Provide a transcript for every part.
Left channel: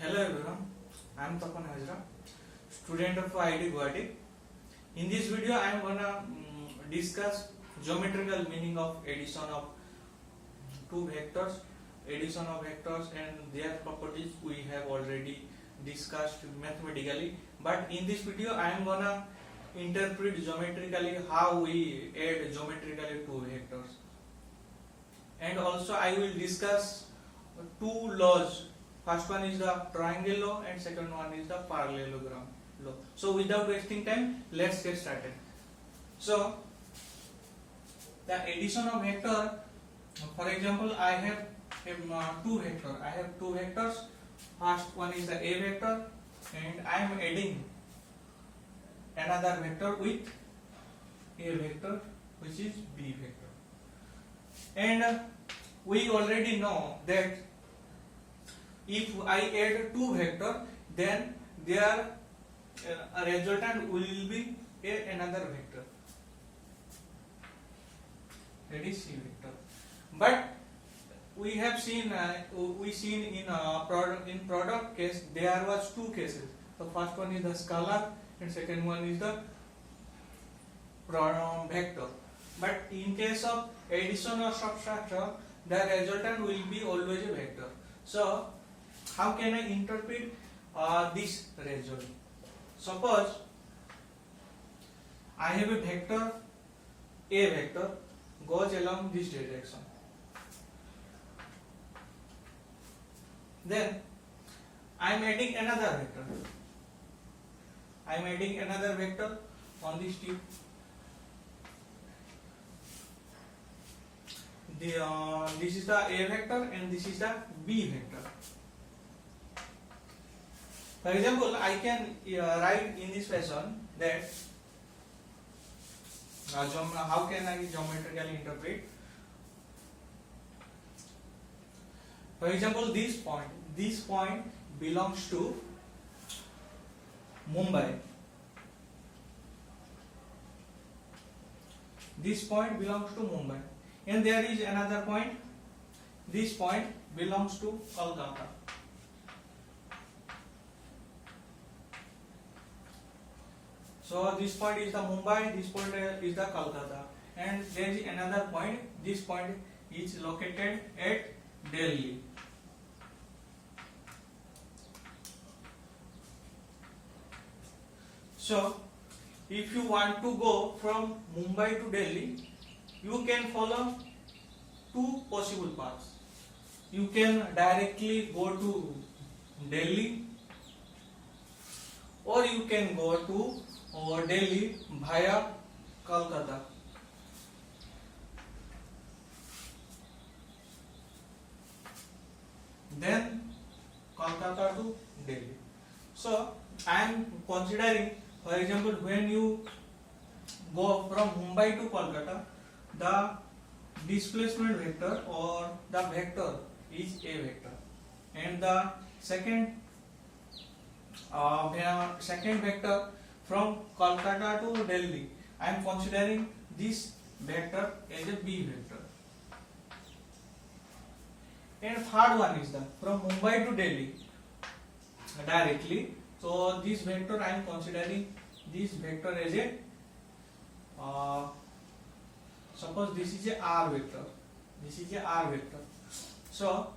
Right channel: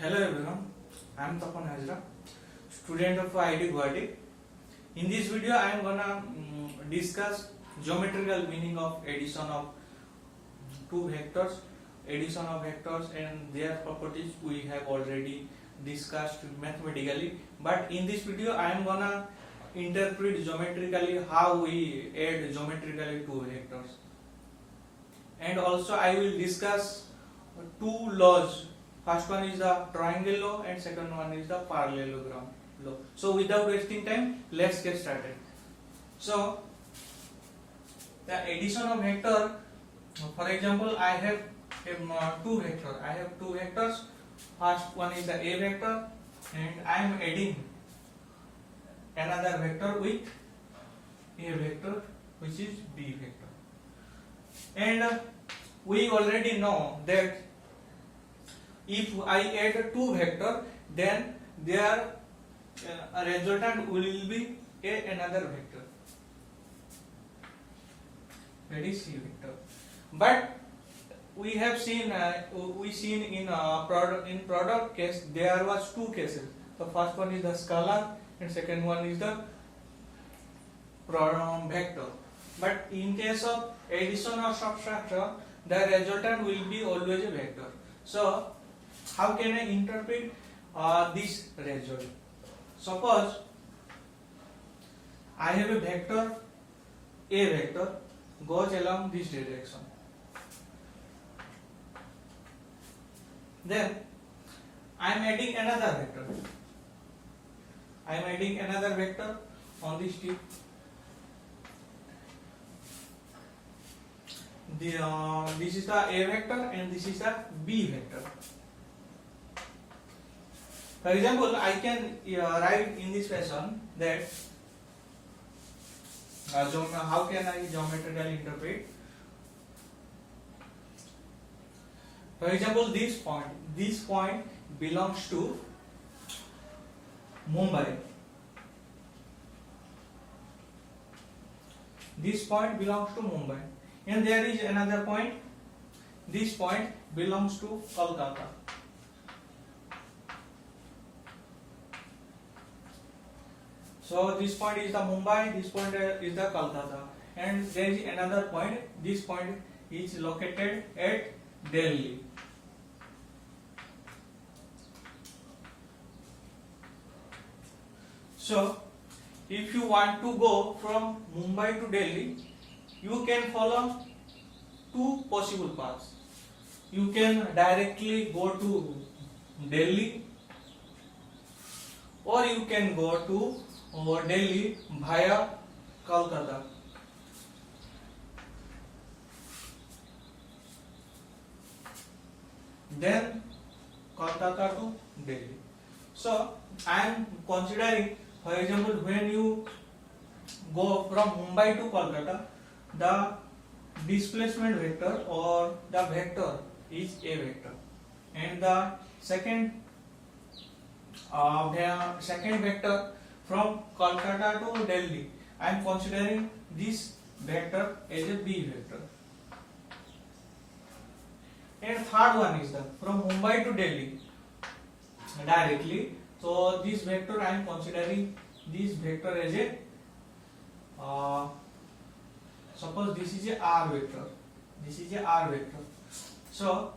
Hello everyone, I am Tapan Hazra, student of IIT Guwahati. In this video, I am gonna discuss geometrical meaning of addition of two vectors, and their properties we have already discussed mathematically. But in this video, I am gonna interpret geometrically how we add geometrically two vectors, and also I will discuss two laws. First one is the triangle law and second one is the parallelogram law. So without wasting time, let's get started. So the addition of vector, for example, I have two vectors. I have two vectors. First one is the A vector and I am adding another vector with A vector, which is B vector. And we already know that if I add two vectors, then their resultant will be another vector, that is C vector. But we have seen in product case there was two cases. The first one is the scalar and second one is the vector. But in case of addition or subtraction, the resultant will be always a vector. So how can I interpret this result? Suppose I have a vector, A vector goes along this direction. Then I am adding another vector. I am adding another vector on this tip. This is the A vector and this is the B vector. For example, I can write in this fashion that how can I geometrically interpret? For example, this point belongs to Mumbai. This point belongs to Mumbai, and there is another point. This point belongs to Kolkata. So this point is the Mumbai, this point is the Kolkata, and there is another point. This point is located at Delhi. So if you want to go from Mumbai to Delhi, you can follow two possible paths. You can directly go to Delhi, or you can go to Delhi via Kolkata. Then Kolkata to Delhi. So I am considering, for example, when you go from Mumbai to Kolkata, the displacement vector or the vector is A vector, and the second vector from Kolkata to Delhi, I am considering this vector as a B vector. And third one is the from Mumbai to Delhi directly. So this vector I am considering this vector as a suppose this is a R vector. This is a R vector. So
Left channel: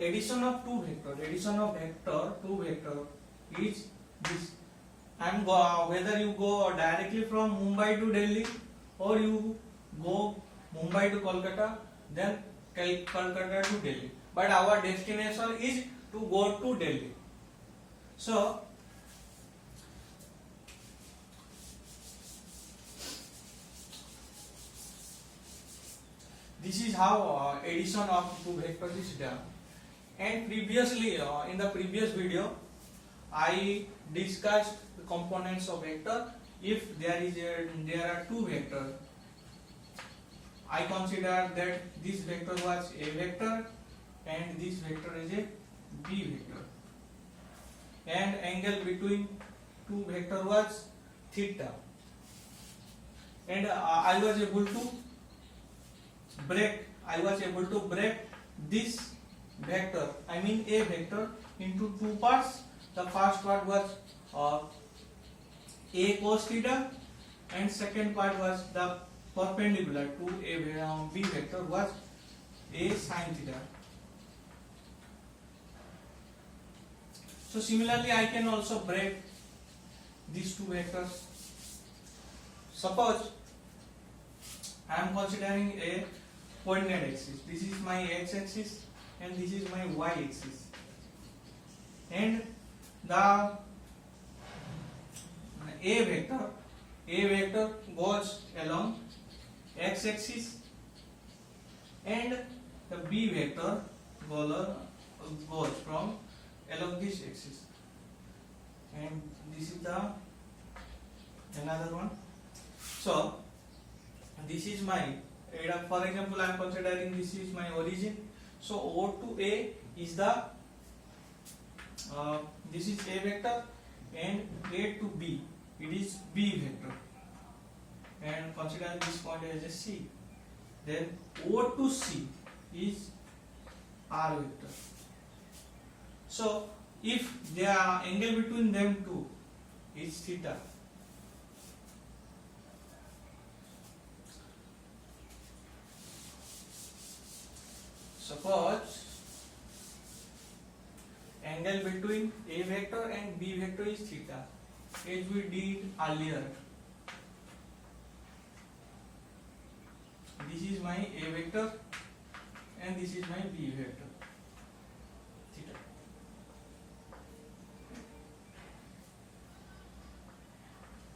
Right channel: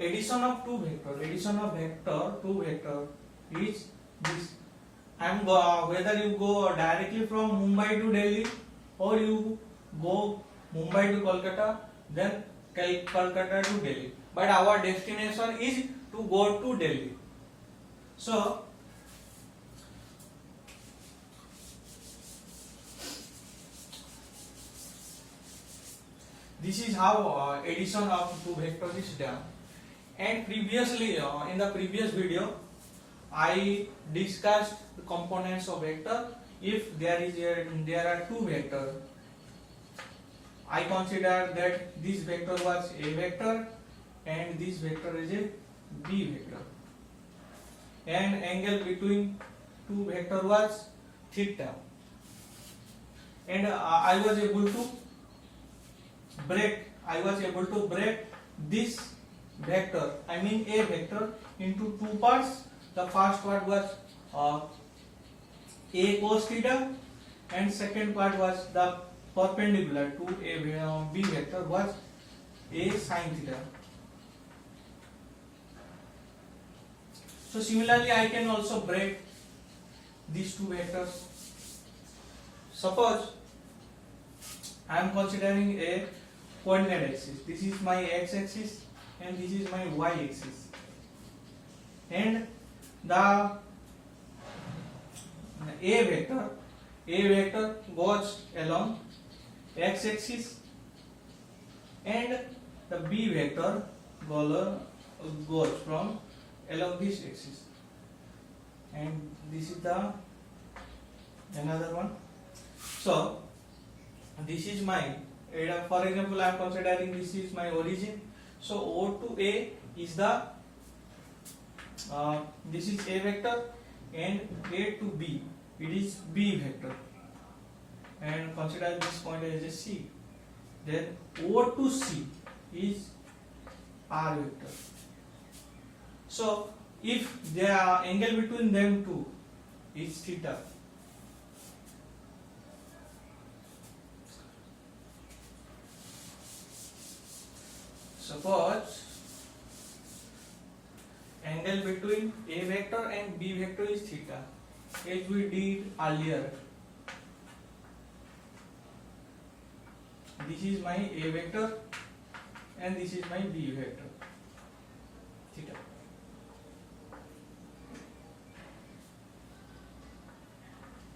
addition of two vector is this. Whether you go directly from Mumbai to Delhi or you go Mumbai to Kolkata, then Kolkata to Delhi. But our destination is to go to Delhi. So this is how addition of two vectors is done. And previously, in the previous video, I discussed the components of vector. If there are two vectors, I consider that this vector was A vector and this vector is a B vector, and angle between two vector was theta, and I was able to break I was able to break this vector, I mean a vector, into two parts. The first part was a cos theta, and second part was the perpendicular to a b vector was a sin theta. So similarly, I can also break these two vectors. Suppose I am considering a coordinate axis. This is my x-axis and this is my y-axis, and the a vector goes along x-axis, and the b vector goes from along this axis, and this is the another one. So this is my, for example, I am considering this is my origin. So O to A is the this is A vector, and A to B it is B vector, and consider this point as a C. Then O to C is R vector. So if the angle between them two is theta, suppose angle between A vector and B vector is theta, as we did earlier. This is my A vector and this is my B vector, theta.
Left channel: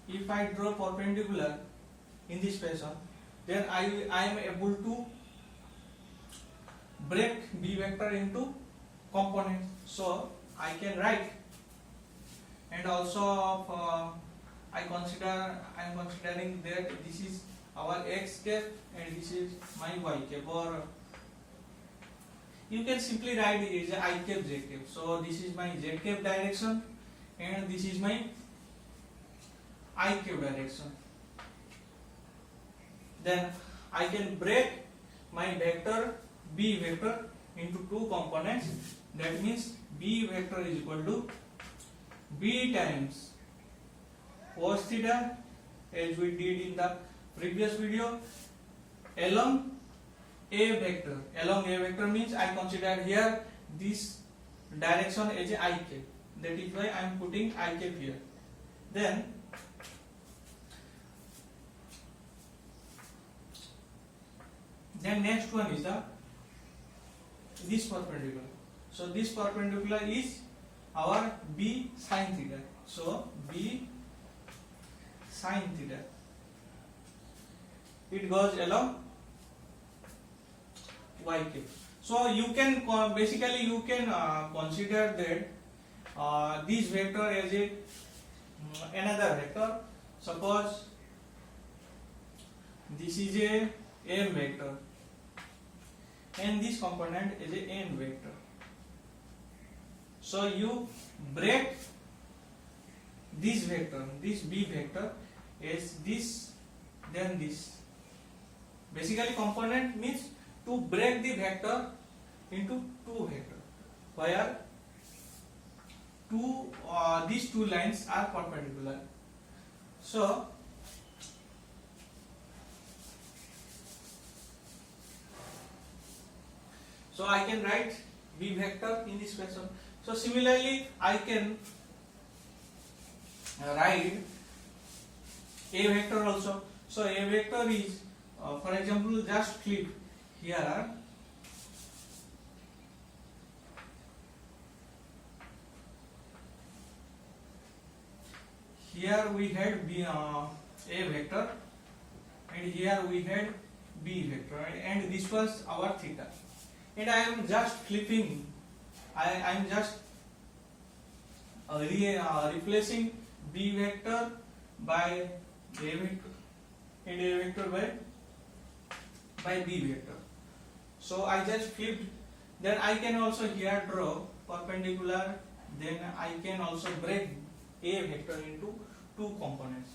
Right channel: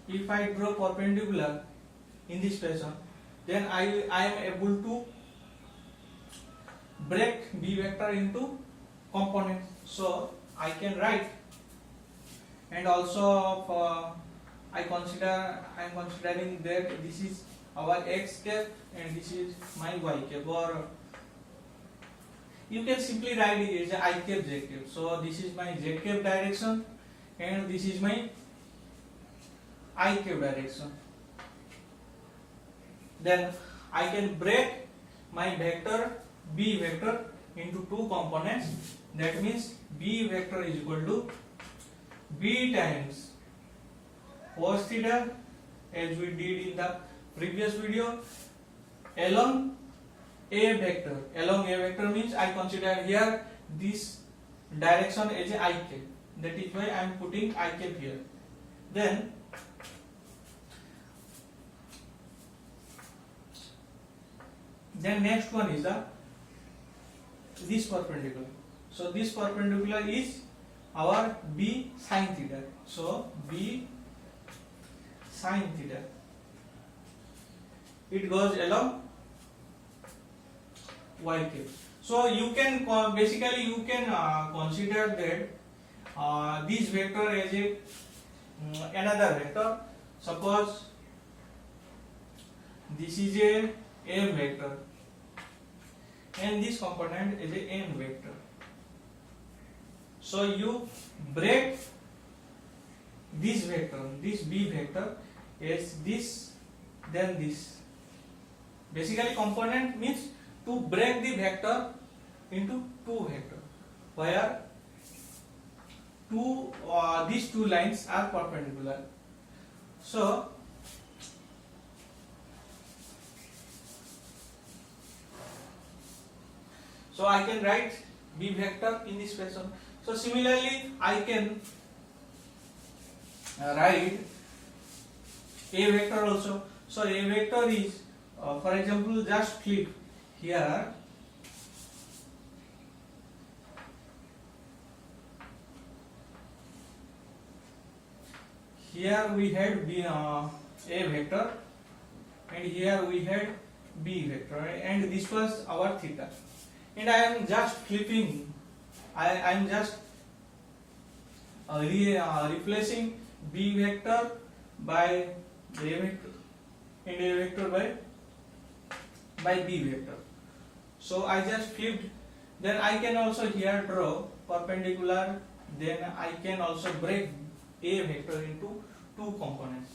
If I draw perpendicular in this fashion, then I am able to break B vector into components. So I can write, and also I am considering that this is our x cap and this is my y cap, or you can simply write it as I cap z cap. So this is my z cap direction and this is my I cap direction. Then I can break my vector B vector into two components. That means B vector is equal to B times cos theta, as we did in the previous video, along A vector. Along A vector means I consider here this direction as a I cap. That is why I am putting I cap here. Then next one is this perpendicular. So this perpendicular is our B sin theta. So B sin theta, it goes along y cap. So you can basically you can consider that this vector as a another vector. Suppose this is a M vector and this component is a N vector. So you break this vector, this B vector, as this, then this. Basically component means to break the vector into two vectors, where these two lines are perpendicular. So I can write B vector in this fashion. So similarly I can write A vector also. So A vector is, for example, just flip here. Here we had A vector and here we had B vector, and this was our theta. And I am just flipping, I am just replacing B vector by A vector and A vector by B vector. So I just flipped. Then I can also here draw perpendicular. Then I can also break A vector into two components.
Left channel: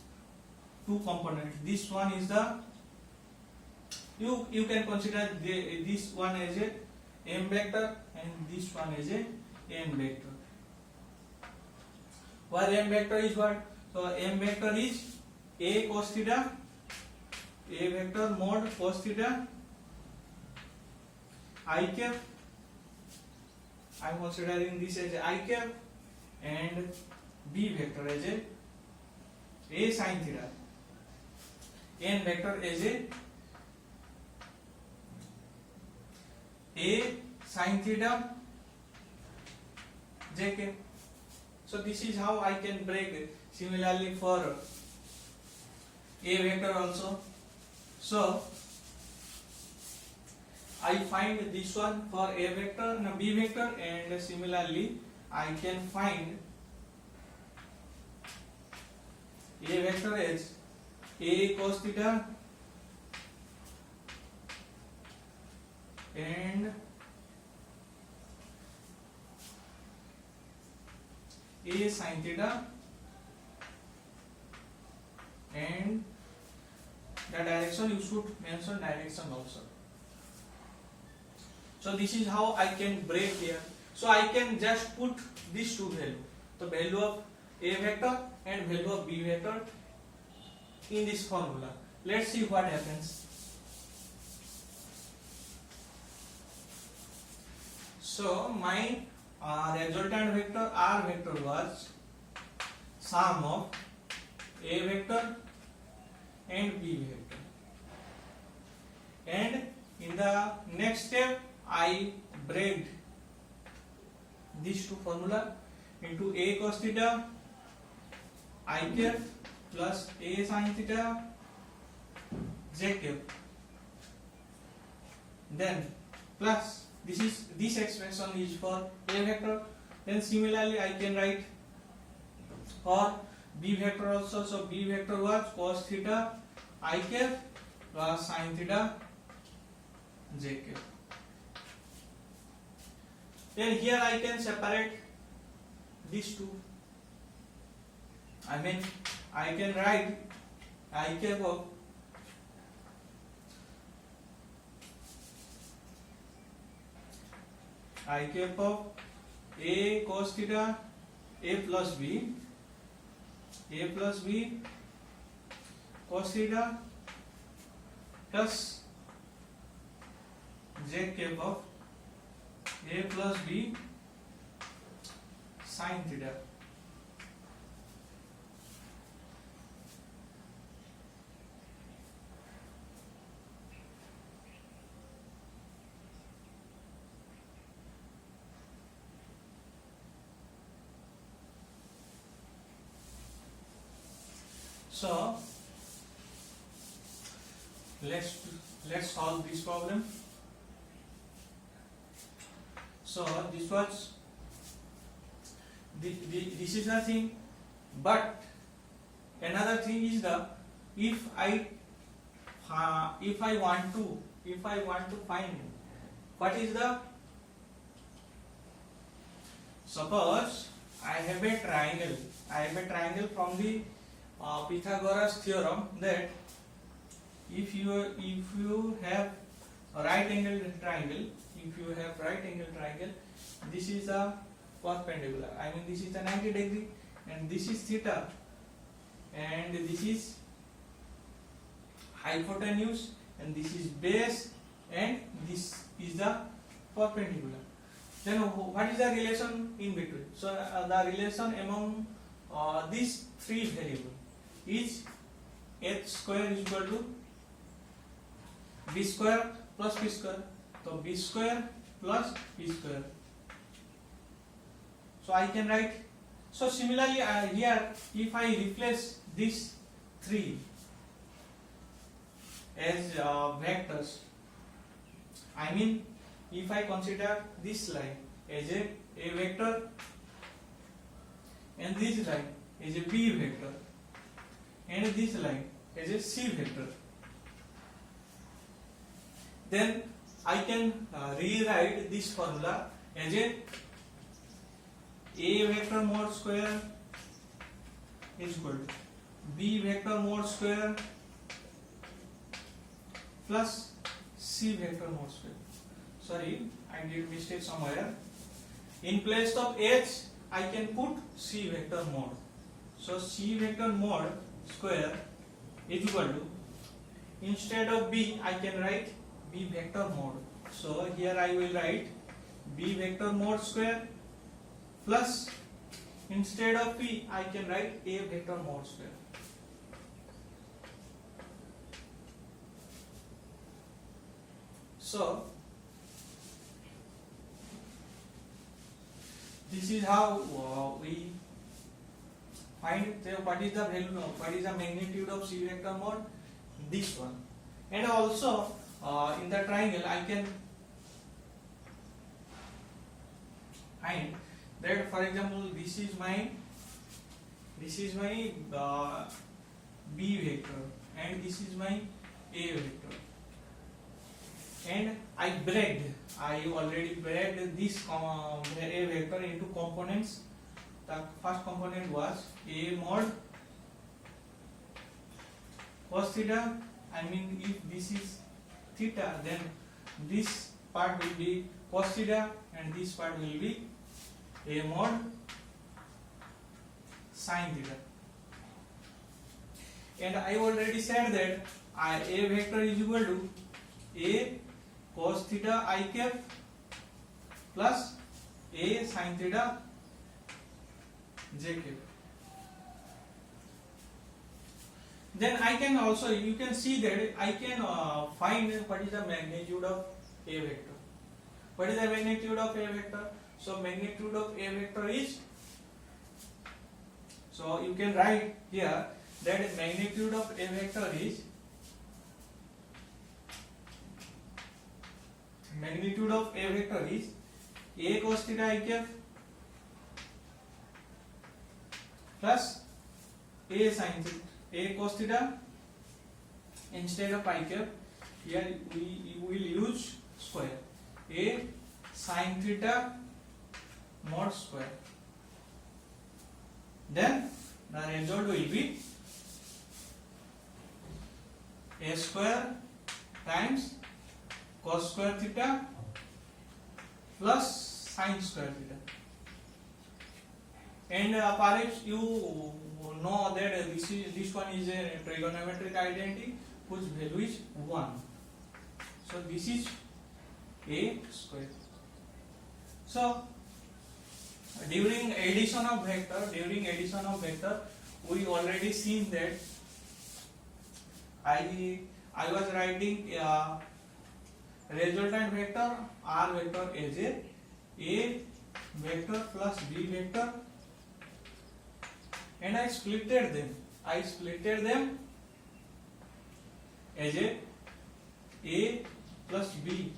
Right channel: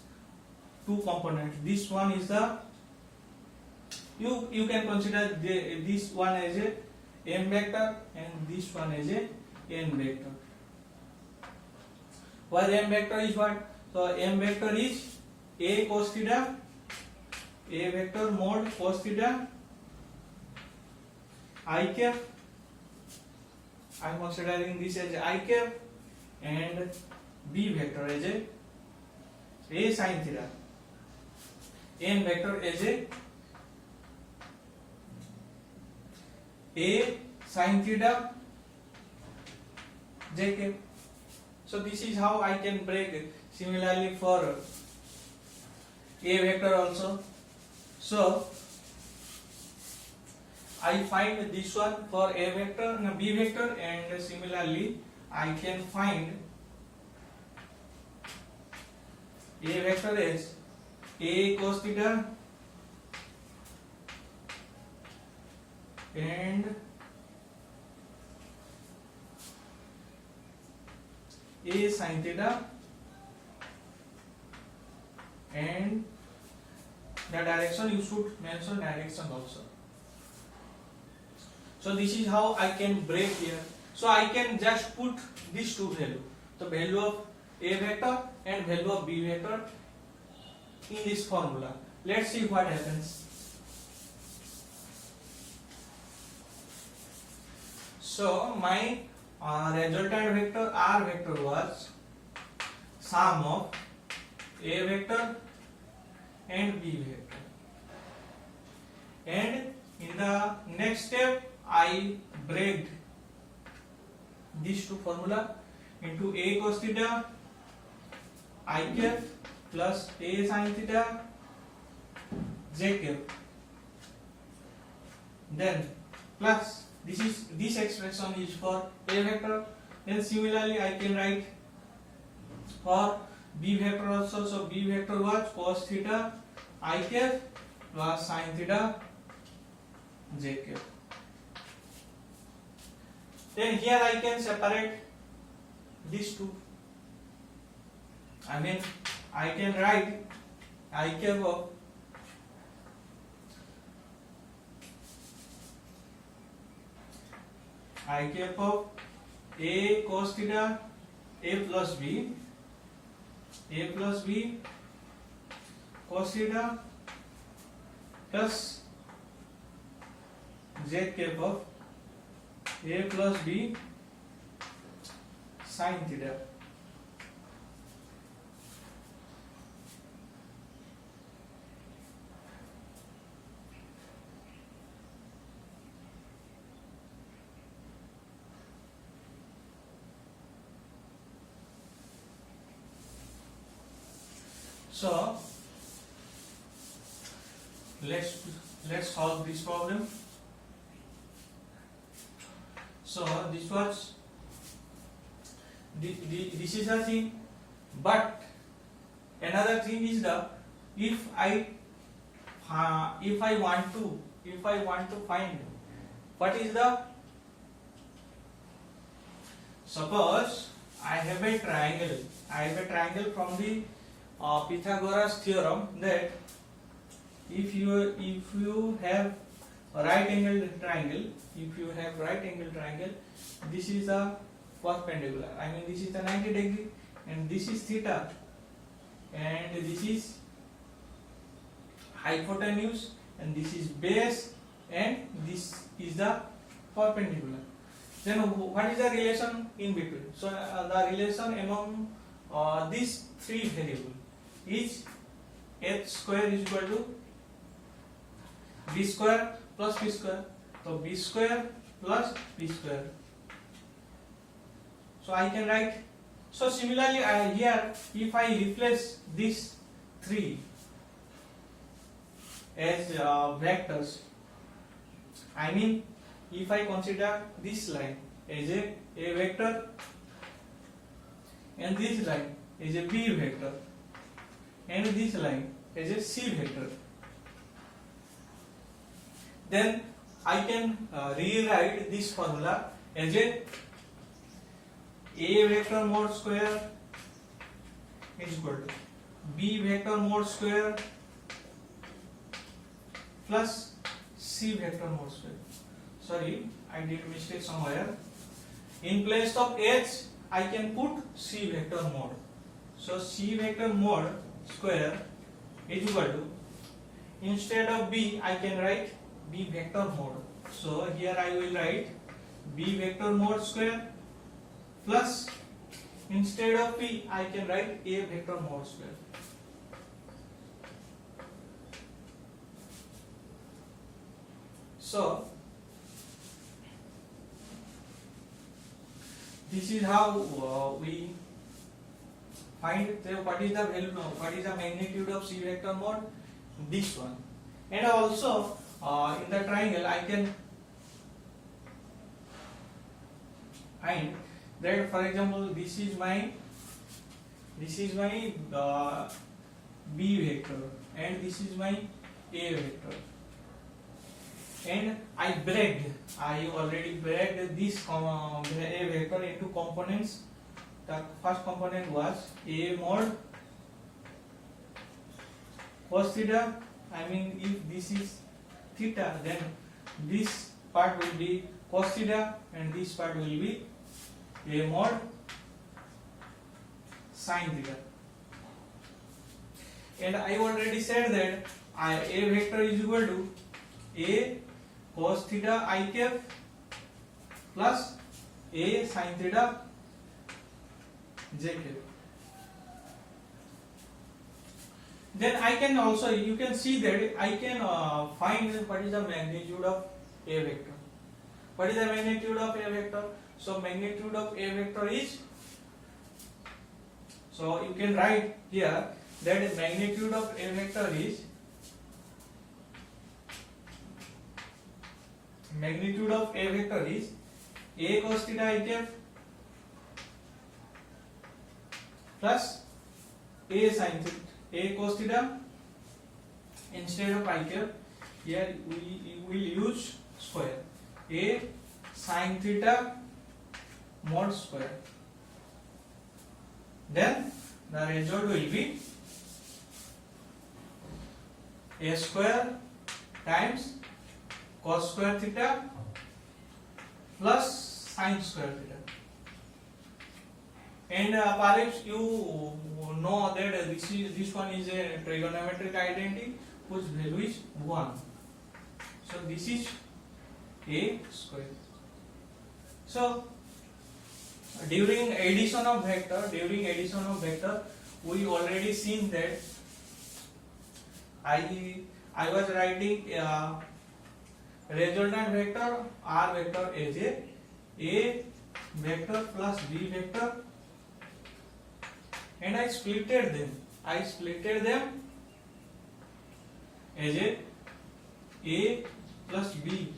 This one is the You can consider this one as a m vector and this one as a n vector. Where m vector is what? So m vector is a cos theta, a vector mod cos theta I cap. I am considering this as I cap, and b vector as a sin theta, n vector as a sin theta j cap. So this is how I can break it. Similarly for a vector also. So I find this one for a vector and b vector, and similarly I can find a vector as a cos theta and a sin theta, and the direction you should mention direction also. So this is how I can break here. So I can just put these two value, the value of a vector and value of b vector in this formula. Let's see what happens. So my resultant vector r vector was sum of a vector and b vector, and in the next step I break these two formula into a cos theta I cap plus a sin theta j cap, then plus this expression is for a vector. Then similarly I can write for b vector also. So b vector was cos theta I cap plus sin theta j cap. Then here I can separate these two. I mean I can write I cap of I cap of a cos theta a plus b cos theta plus j cap of a plus b sin theta. So let's solve this problem. So this is a thing, but another thing is the if I want to find what is the, suppose I have a triangle from the Pythagoras theorem, that if you have a right angle triangle, this is the perpendicular, I mean this is the 90 degree, and this is theta, and this is hypotenuse, and this is base, and this is the perpendicular. Then what is the relation in between? So the relation among these three variables is h square is equal to b square plus b square. So b square plus b square. So I can write. So similarly here, if I replace these three as vectors, I mean if I consider this line as a vector and this line is a b vector and this line is a c vector, then I can rewrite this formula as a vector mod square is equal to b vector mod square plus C vector mod square. Sorry, I did mistake somewhere. In place of H, I can put C vector mod. So C vector mod square is equal to, instead of B, I can write B vector mod. So here I will write B vector mod square plus, instead of P, I can write A vector mod square. So this is how we find what is the value, what is the magnitude of C vector mod, this one. And also in the triangle I can find that, for example, this is my B vector and this is my A vector, and I already breaked this A vector into components. The first component was A mod cos theta. I mean, if this is theta, then this part will be cos theta and this part will be A mod sin theta. And I already said that A vector is equal to A cos theta I cap plus A sin theta j cap. Then I can also, you can see that I can find what is the magnitude of A vector. What is the magnitude of A vector? So magnitude of A vector is, so you can write here that magnitude of A vector is A cos theta I cap plus A sin theta, A cos theta, instead of I cap here we will use square, A sin theta mod square. Then the result will be A square times cos square theta plus sin square theta. And perhaps you know that this one is a trigonometric identity whose value is 1. So this is A square. So during addition of vector, we already seen that I was writing resultant vector R vector as A vector plus B vector, and I splitted them as A plus B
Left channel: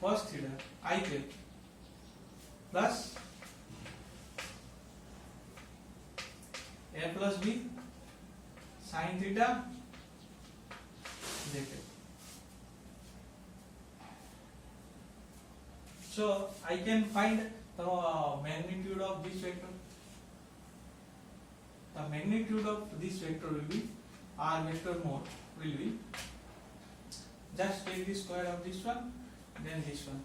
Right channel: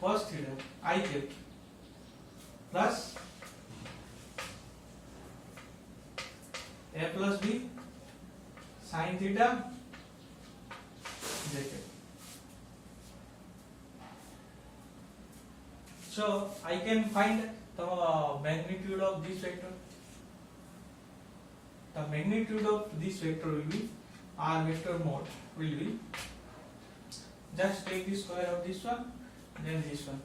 cos theta I cap plus A plus B sin theta j cap. So I can find the magnitude of this vector. The magnitude of this vector will be R vector mod will be, just take the square of this one, then this one.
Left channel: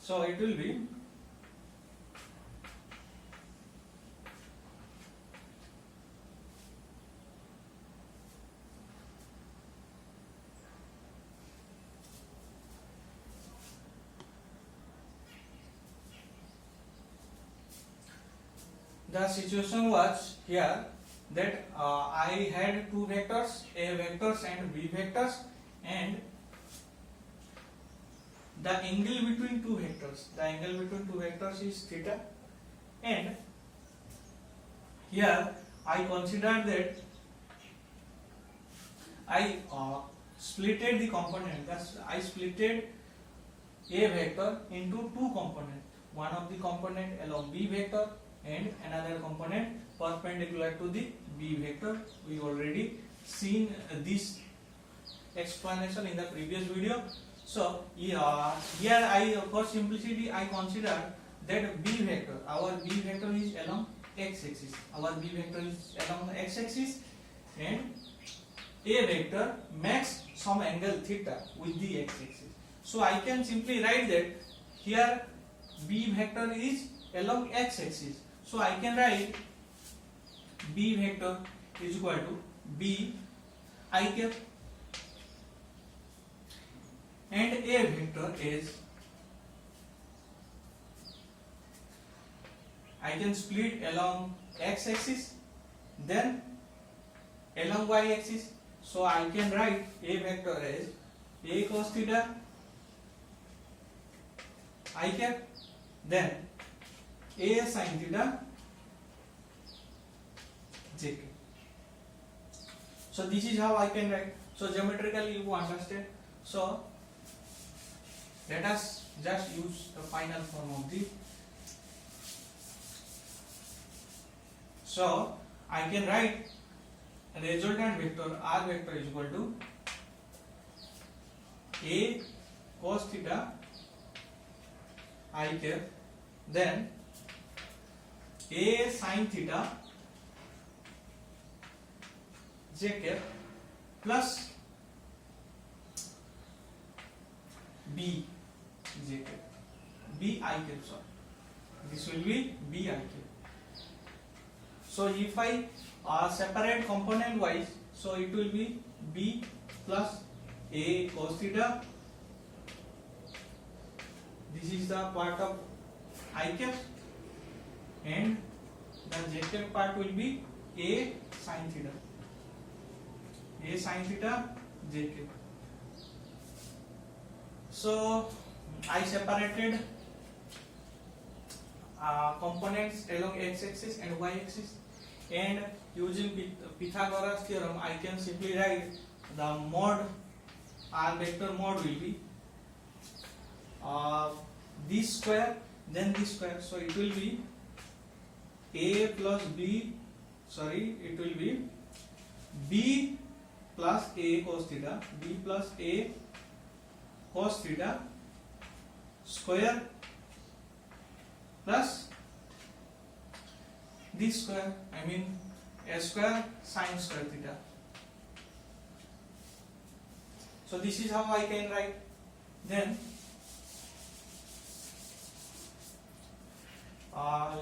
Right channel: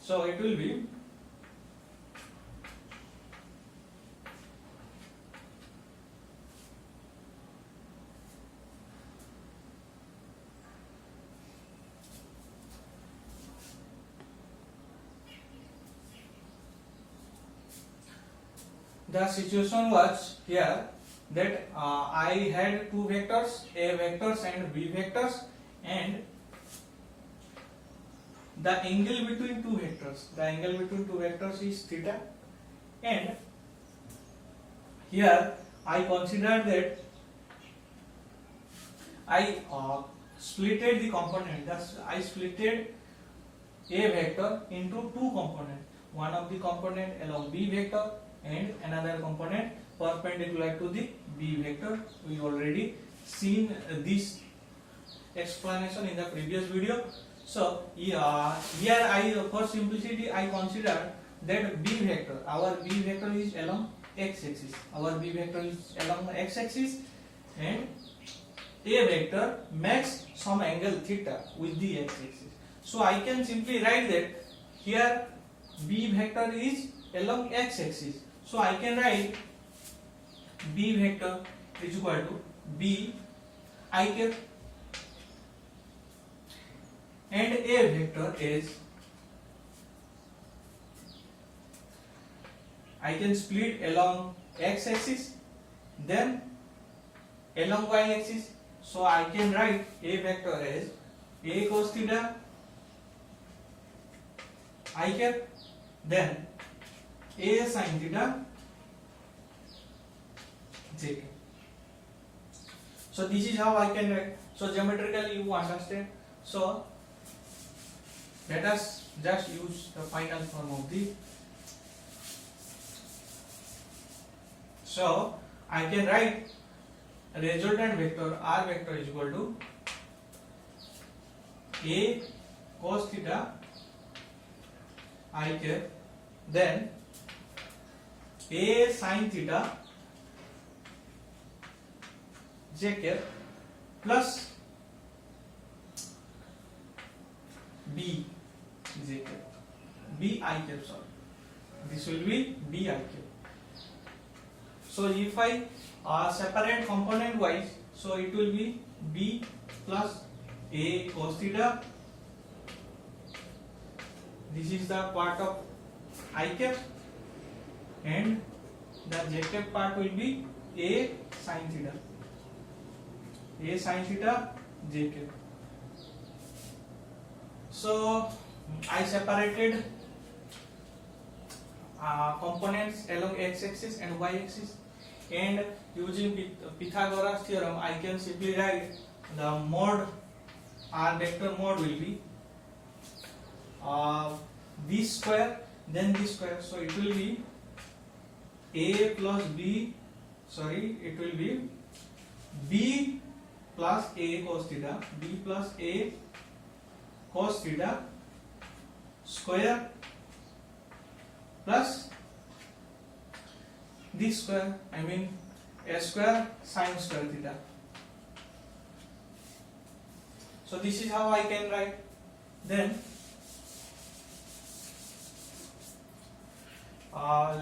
So it will be the situation was here that I had two vectors, A vectors and B vectors, and the angle between two vectors is theta, and here I consider that I splitted the component. Thus I splitted A vector into two components. One of the component along B vector and another component perpendicular to the B vector. We already seen this explanation in the previous video. So here I, for simplicity, I consider that B vector, our B vector is along x axis. Our b vector is along the x axis, and a vector makes some angle theta with the x axis. So I can simply write that here b vector is along x axis. So I can write b vector is equal to b I cap, and a vector is, I can split along x axis, then along y axis. So I can write a vector as a cos theta I cap, then a sin theta j cap. So this is how I can write. So geometrically you understand. So let us just use the final form of the. So I can write a resultant vector r vector is equal to a cos theta I cap, then a sin theta j cap plus b j cap, b I cap, sorry, this will be b I cap. So if I separate component wise, so it will be b plus a cos theta, this is the part of I cap, and the j cap part will be a sin theta, a sin theta j cap. So I separated components along x axis and y axis, and using Pythagoras theorem I can simply write the mod r vector mod will be this square then this square, so it will be a plus b, sorry, it will be b plus a cos theta, b plus a cos theta square plus this square, I mean a square sin square theta. So this is how I can write. Then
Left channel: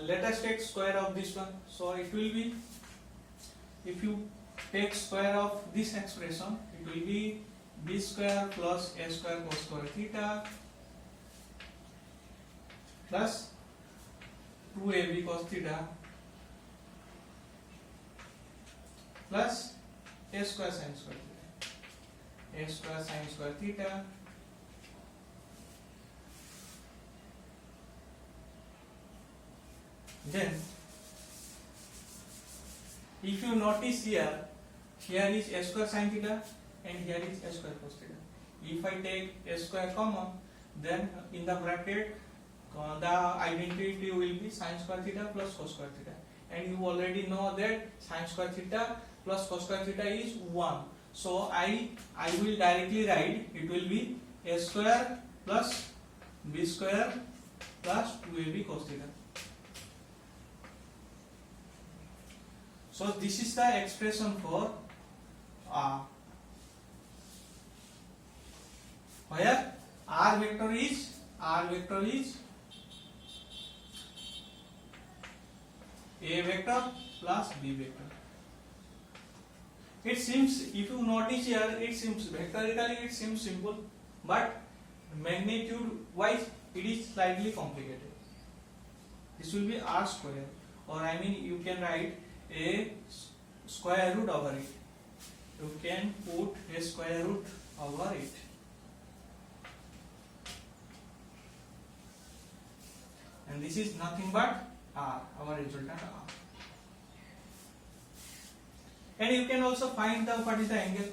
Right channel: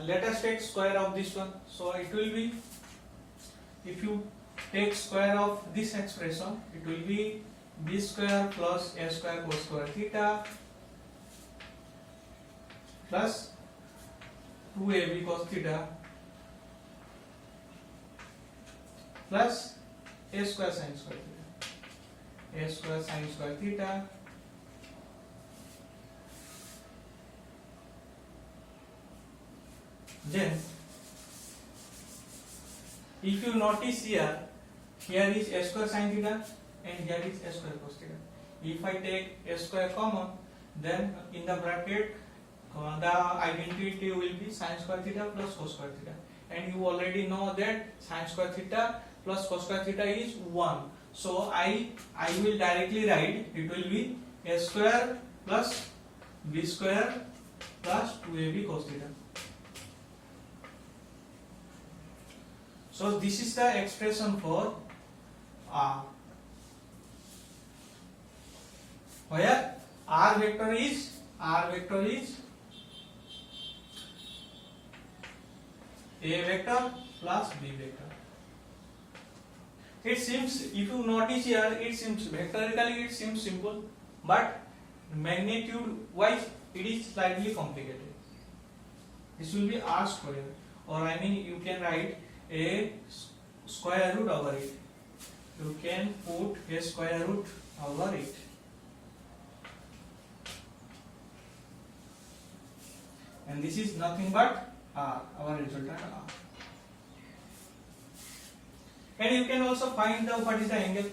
let us take square of this one. So it will be, if you take square of this expression, it will be b square plus a square cos square theta plus 2ab cos theta plus a square sin square theta, a square sin square theta then if you notice here is a square sin theta and here is a square cos theta. If I take a square common, then in the bracket the identity will be sin square theta plus cos square theta, and you already know that sin square theta plus cos square theta is 1. So I will directly write it will be a square plus b square plus 2ab cos theta. So this is the expression for where r vector is a vector plus b vector. It seems, if you notice here, it seems vectorically it seems simple, but magnitude wise it is slightly complicated. This will be r square, or I mean you can write a square root over it. You can put a square root over it. And this is nothing but r, our resultant r. And you can also find what is the angle.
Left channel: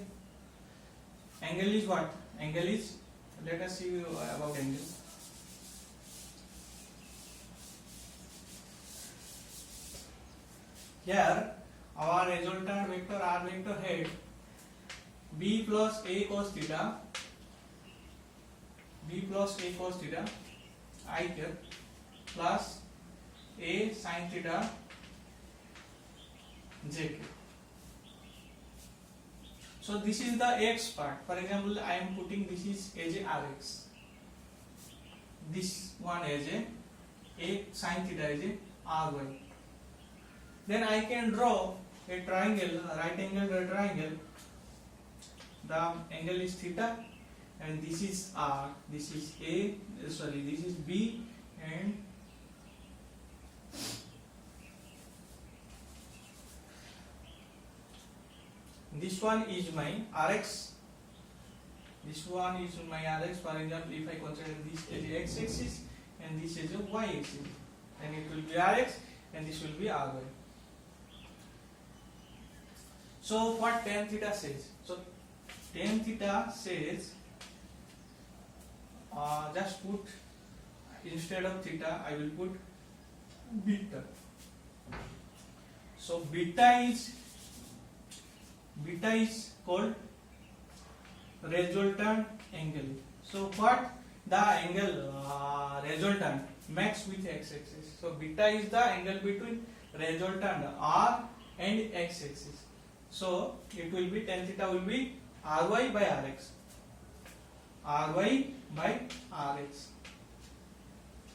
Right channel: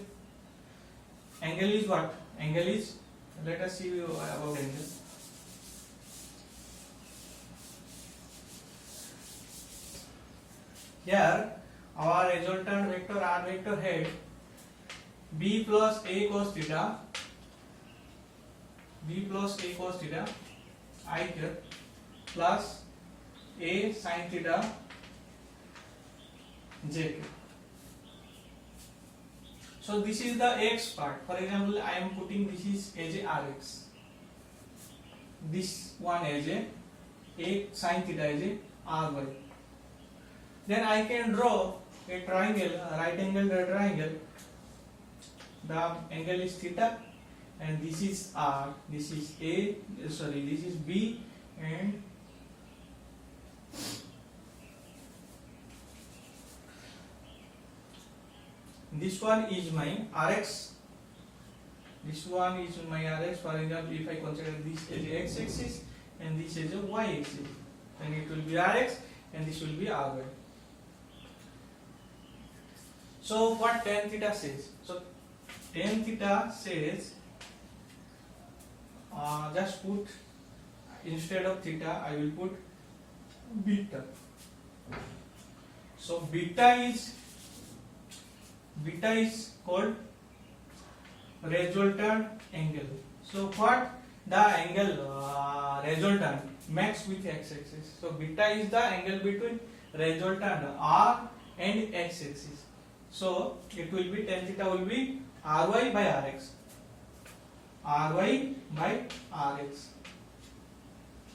Angle is what? Angle is, let us see about angle. Here our resultant vector r vector had b plus a cos theta, I cap plus a sin theta jk. So this is the x part. For example, I am putting this is as a rx, this one as a sin theta as a ry. Then I can draw a triangle, a right angle triangle. The angle is theta, and this is r, this is this is b, and this one is my rx. This one is my rx. For example, if I consider this as a x-axis and this is a y-axis, then it will be rx and this will be ry. So what tan theta says? So tan theta says, just put, instead of theta I will put beta. So beta is called resultant angle. So what the angle resultant makes with x-axis. So beta is the angle between resultant r and x-axis. So it will be tan theta will be ry by rx. Ry by rx.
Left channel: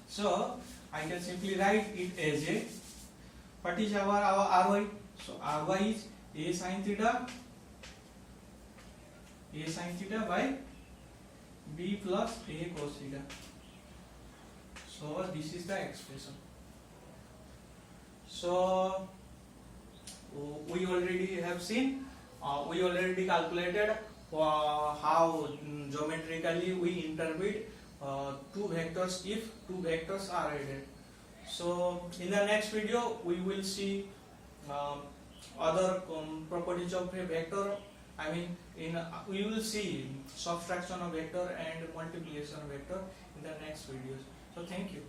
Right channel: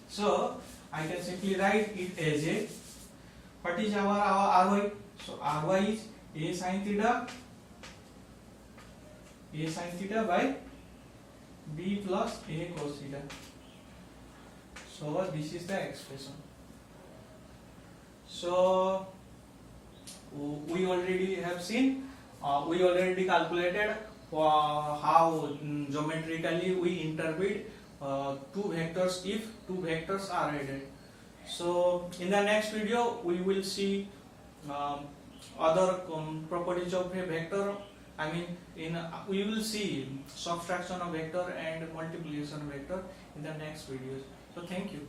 So I can simply write it as a, what is our ry? So ry is a sin theta by b plus a cos theta. So this is the expression. So we already have seen, we already calculated how geometrically we interpret two vectors if two vectors are added. So in the next video we will see other properties of a vector. I mean, we will see subtraction of vector and multiplication of vector in the next videos. So thank you.